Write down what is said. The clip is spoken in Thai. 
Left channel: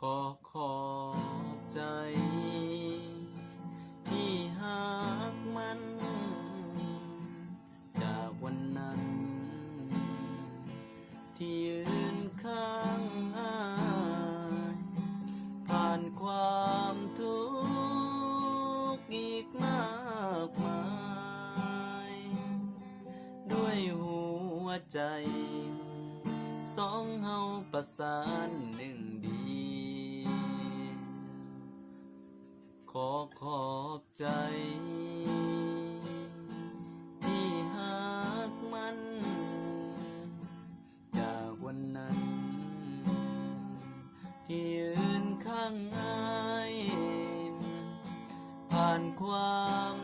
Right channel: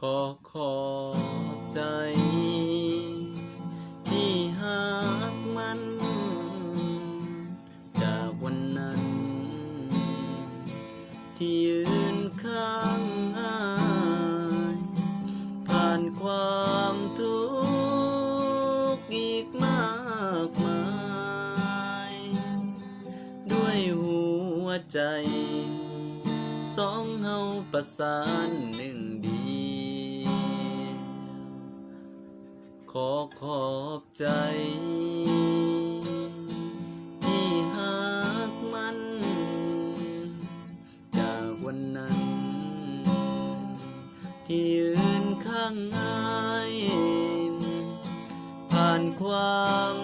ขอบใจที่หากมันจากวันนั้นที่ยืนข้างอ้ายผ่านความทุกข์อีกมากมายด้วยหัวใจสองเฮาประสานหนึ่งเดียวขอบใจที่หากมันจากวันนั้นที่ยืนข้างอ้ายผ่านความ